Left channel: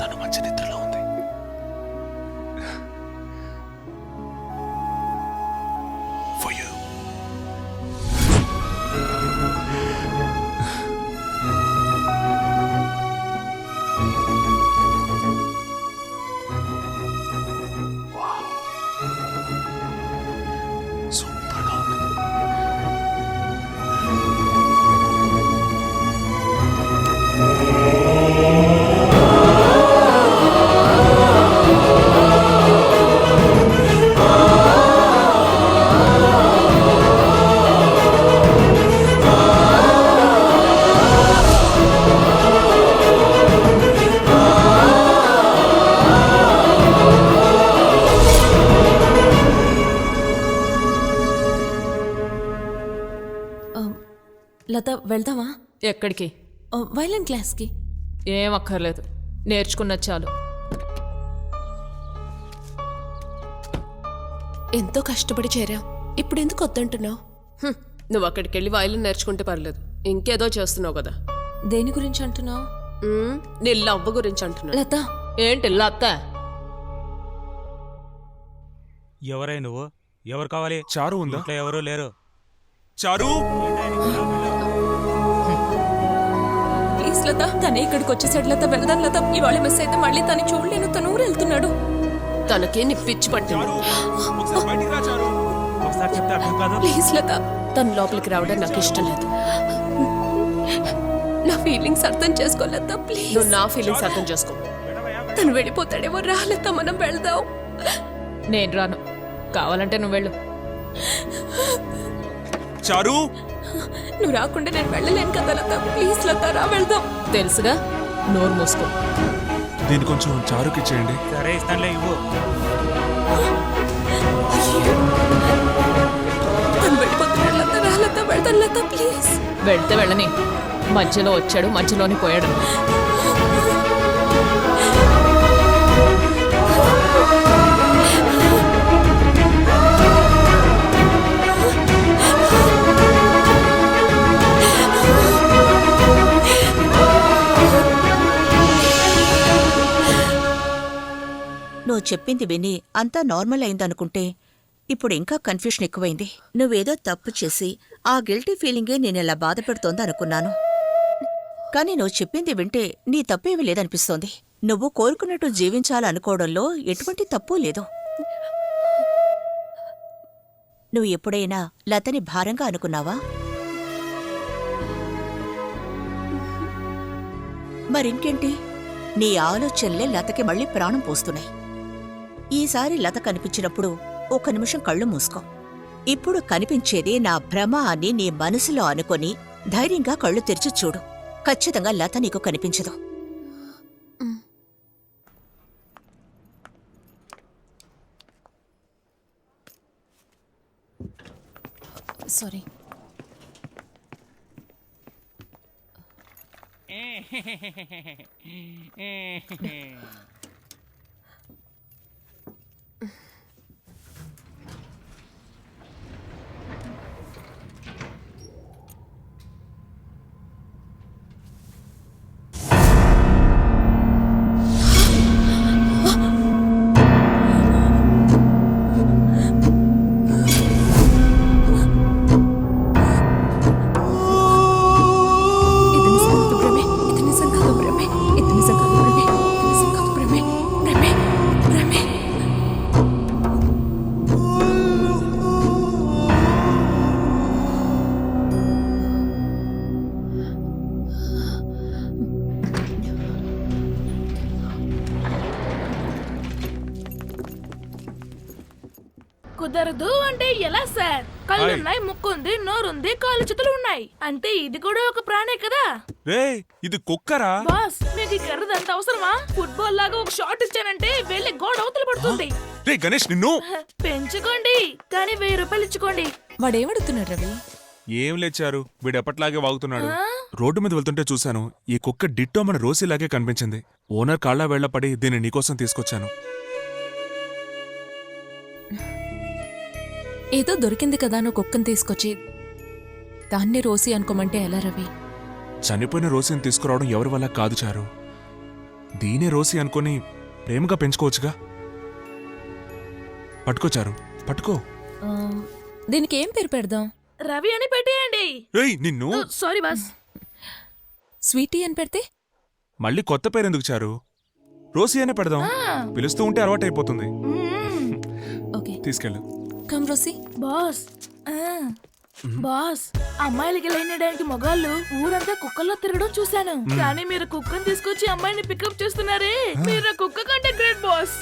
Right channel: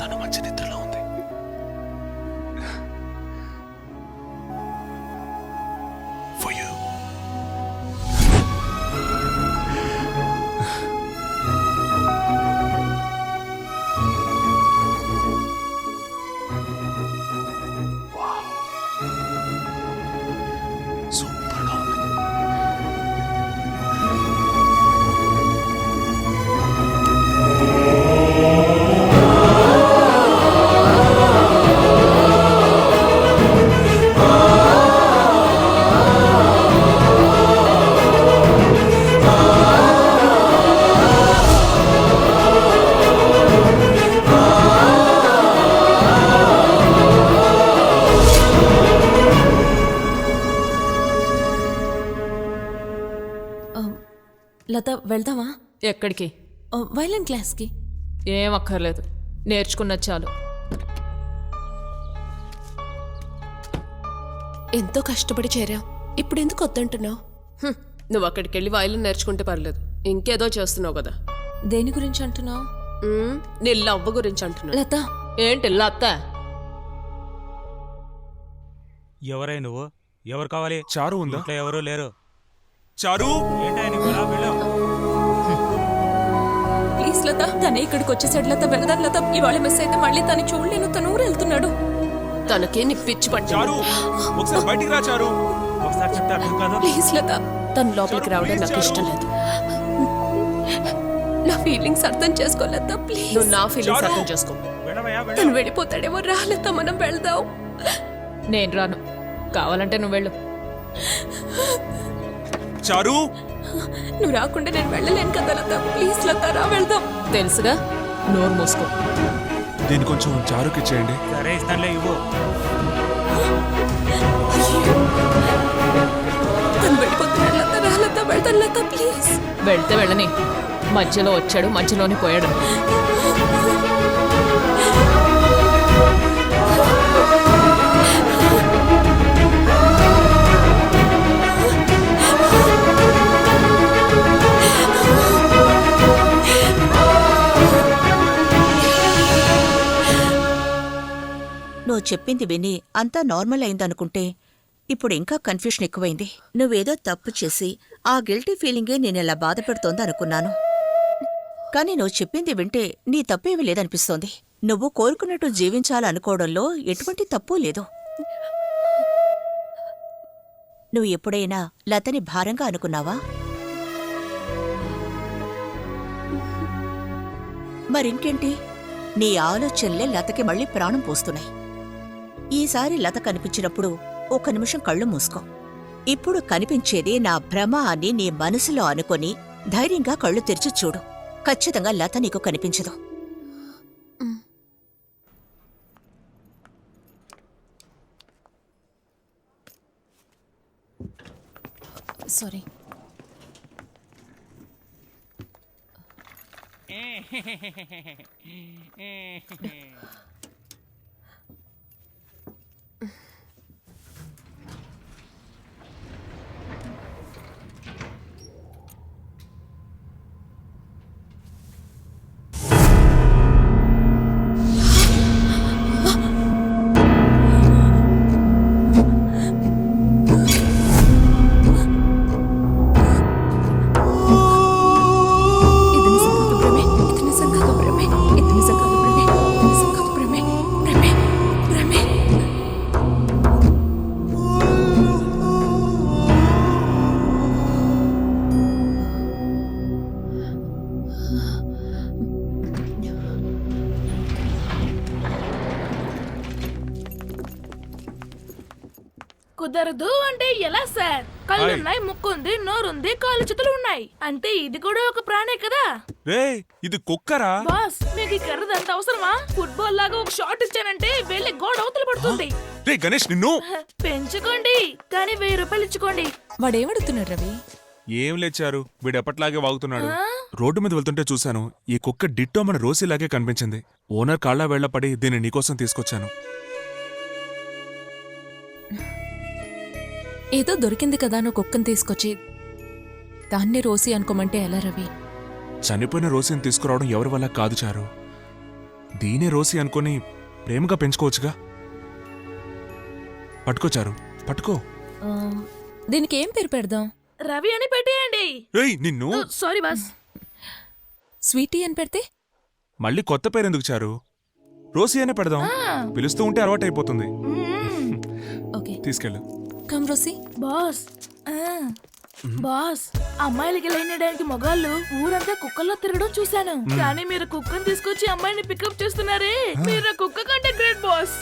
తను మంచి నిద్రలో ఉంది. For you. Wow. సూపర్గా ఉంది. లత వెళ్దామా? ఎక్కడికి? వైలిన్ క్లాస్కి. ఏం అక్కర్లేదు, నేర్చుకున్నది చాలు. ఎంతో కష్టపడి చేరాం, ఇప్పుడు ఎందుకు వద్దంటున్నావు? నువ్వు అక్కడికి వెళ్ళి వైలిన్ నేర్చుకుంటే పర్లేదు, ఇంకేదో చేస్తున్నావు కదా. దేని గురించి అంటున్నావు? నీ లవ్వ గురించి అంటున్నా. లత. ఏంటి లత? ఎవరై నువ్వు? ఎవరు కావాలి? చారు ఉందా? ఇంట్లో ఎవరు లేరు. చారు, ప్లీజ్ లత, తనే ఇక్కడికి వచ్చేసాడు. లత వెళ్దాం లత, ఇవాళ మిస్ అయితే మళ్ళీ తను చూడలేను. తను ఊరు వెళ్తున్నాడు. తనకే నీ పిచ్చి పట్టింది. ఒకసారి బయటికి రా చారు. ఒకసారి చెప్తే అర్థం కాదు. ప్లీజ్ లత. తను లోపలికి రావడం నాకు ఇష్టం లేదు. నా ఫీలింగ్స్ అర్థం చేసుకో లత, ప్లీజ్. నువ్వు నా ఫీలింగ్స్ అర్థం చేసుకో. తను వెళ్ళిపోతాడేమో. రా లత, మనం వెళ్దాం. నేను రాను, కావాలంటే నువ్వు వెళ్ళు. చారు, నువ్వు రాకుండా నేను వెళ్ళలేను కదా లత. ప్లీజ్ లత, రా వెళ్దాం. తెలుసుగా, నోరు మూసుకో. దీన్ని కొంచెం చారుకి ఇచ్చేయండి. సరే ఇస్తానులే, ఇవ్వు. తను వెళ్ళిపోతున్నాడు లత. రా లత, వెళ్తాను లత, ప్లీజ్. వెళ్తే వెళ్ళని, మధ్యలో వచ్చాడు మధ్యలోని పోయాడు. నువ్వు చెప్పింది విని అంతా నార్మల్ అయిందనుకుంటే ఇప్పుడు ఇంకా కన్ఫ్యూషన్ ఎక్కువైంది. నువ్వేదో తప్పు చేసి ఆ గిల్టీ ఫీలింగే నేనెలా బాధపెడుతోంది అనుకున్నాను. కానీ నువ్వు చెప్పింది వింటే నీ తప్పేమీ లేదనిపిస్తోంది. నువ్వు కోరుకున్నట్టు జీవించాలనుకోవడంలో ఎటువంటి తప్పూ లేదు. నువ్వు ఎప్పుడైనా లతని భారంగా అనుకున్నావా? మరింకేంటి, నీ ఆలోచనలే లతకి మళ్ళీ ప్రాణం పోస్తున్నాయి. ఈసారి లత కనిపించినప్పుడు ఒక్క నిమిషం కళ్ళు మూసుకో. ఇప్పుడు కనిపించేది నా భ్రమ అని నీ మనసులో అనుకొని ధైర్యంగా కళ్ళు తెరిచి చూడు. ఖచ్చితంగా లత నీకు కనిపించదు. సారీ. కుదరదు అంటే ఎలా సార్? కళ్ళున్నాయి, ముక్కుంది, నోరుంది, కాళ్ళు చేతులు ఉన్నాయి. అంటే ఇది కూడా ఒక ప్రాణే కదా. రే ఇది కుక్కరా? బాస్ మీకు ఈ కర్రదంత అవసరమా? ఫుట్బాల్ లాగా ఒక షాట్ ఇచ్చానంటే వెళ్ళి గోడ అవతల పడుతుంది. రే గణేష్ నిన్ను. పెంచుకోండి కానీ 1000 రూపాయలు ఇచ్చుకోండి. వాడేమడుగుతున్నాడు రవి? ఏం లేచారు, వీడు ఎప్పట్లాగే వాగుతున్నాడు. రోడ్డు మీద వెళ్తుంటే చూశాను, ఈ కుక్క డిట్టో మన రోసీలాగే కనిపించింది. ఓనర్ కాళ్ళ వేళ్ల పడి దీన్ని నీకోసం తీసుకొచ్చాను. ఏదో దొరికింది కదా నువ్వు కుక్కను తీసుకొచ్చి దాన్ని రోసి అనుకోమంటే ఎలా రవి? చనిపోయిన రోసీని తీసుకురావడం ఎవరి వల్ల కాదు చారు. దీనే రోసి అనుకుని ప్రేమగా పెంచుకోవచ్చుగా. పట్టుకోచారు, పట్టుకో. దీనికి ఏం పేరు పెడదాం? రవి అని పెట్టేయండి. ఏయ్ నిన్ను. Sorry boss. స్వీటీ అని పెడితే? మళ్ళీ కొత్త పేరు ఎందుకు చారు? రోసి అనే పెడదాం. పిలుస్తూ ఉంటే అలవాటైపోతుంది. ఓకే తీసుకెళ్ళు. కమ్ రోసి. బాస్ బాస్, అమ్మాయిలకి లైనడానికి మగాళ్ళు ఊరంతా కుక్కల్లో తిరగడం చూశాను. కానీ మీరు కుక్కను తీసుకొచ్చి అమ్మాయిని పికప్ చేస్తున్నారే, మీరు కుక్క కంటే గ్రేట్ బాస్.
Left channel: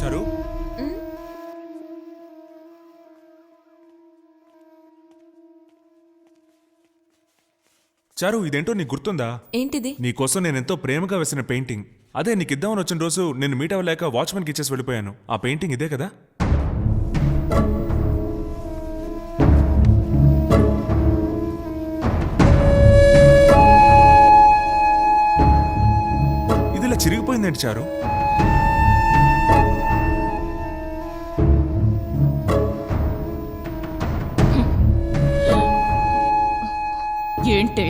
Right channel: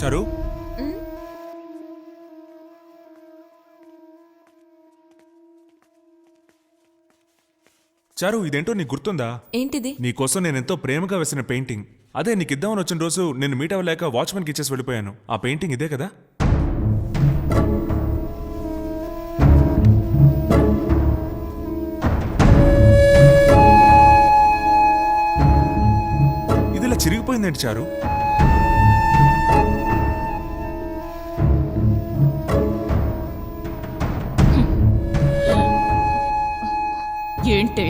చారు, చారు ఇదేంటో నీకు గుర్తుందా? ఏంటిది? నీకోసం నేనెంతో ప్రేమగా వేసిన పెయింటింగ్. అదే నీకిద్దామని వచ్చిన రోజు నేను మీట్ అవ్వలేక వాచ్మెన్కి ఇచ్చేసి వెళ్ళిపోయాను. ఆ పెయింటింగ్ ఇదే కదా? ఇది ఇలా చిరిగిపోయిందేంటి చారు? ఏంటి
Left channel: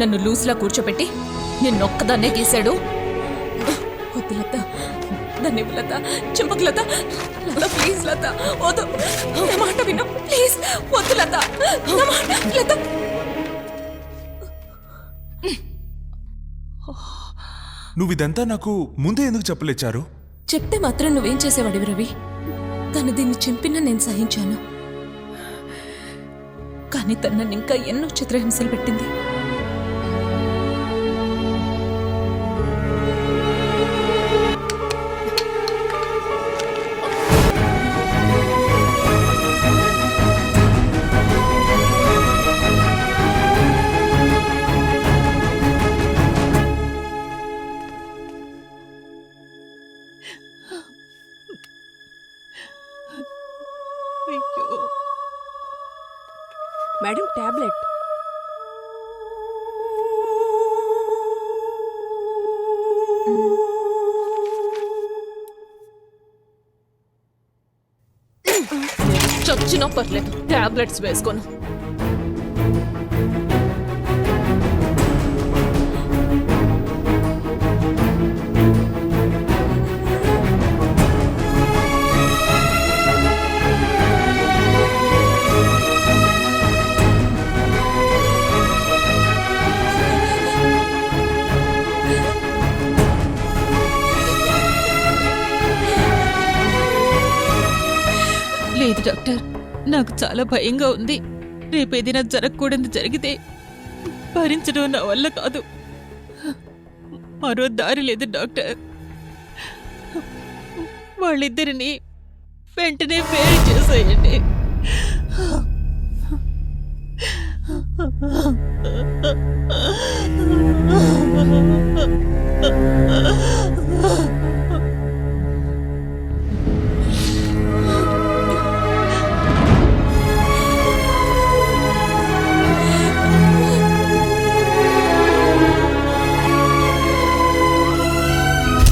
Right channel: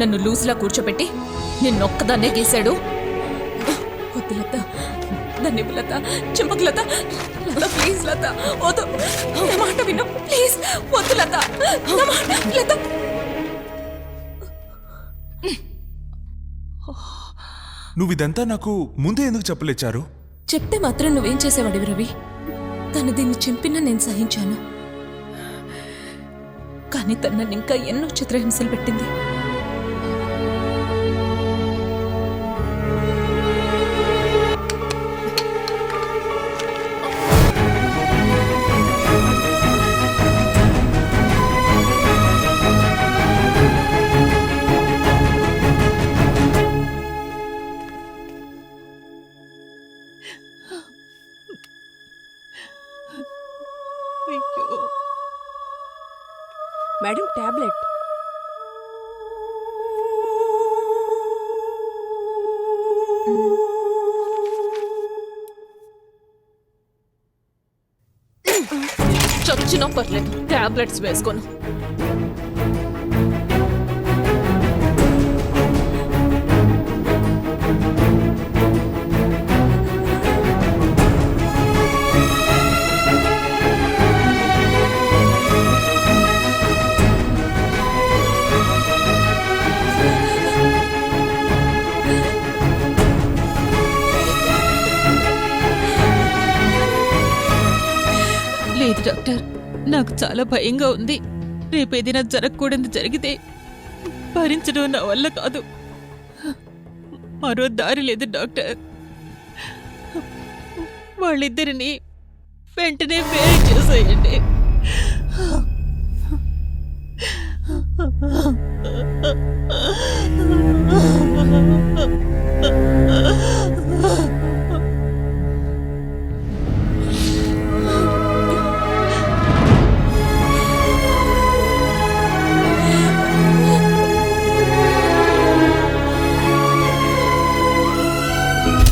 నన్ను లూజ్లా కూర్చోపెట్టి నిన్నొక్కదాన్నే గీశాడు? వద్దు లత, దాన్ని లత, చింపకు లత. లత ప్లీజ్ లత, వద్దు, నా మాట విను ప్లీజ్. వద్దు లత, నా మాట లత. నువ్విదంతా నాకు ముందే ఎందుకు చెప్పలేచారు? చెప్తే మాత్రం నువ్వేం చేసేవాడివి రవి? తను దీన్ని చింపినా నేను సహించాను, కానీ తను నన్ను ఇంకా ఎన్నో చిత్రహింసలు పెట్టింది. Madam tablet. చచ్చినా పర్లేదు, టాబ్లెట్స్ వేసుకోను. లేదు డాక్టర్, నాకు చాలా భయంగా ఉంది. రేపేదైనా జరగకూడదు జరిగితే భరించడం నా వల్ల కాదు. మరో దారి లేదు డాక్టర్. వాళ్ళిద్దరిని వెంటనే వేరు చేసేయండి.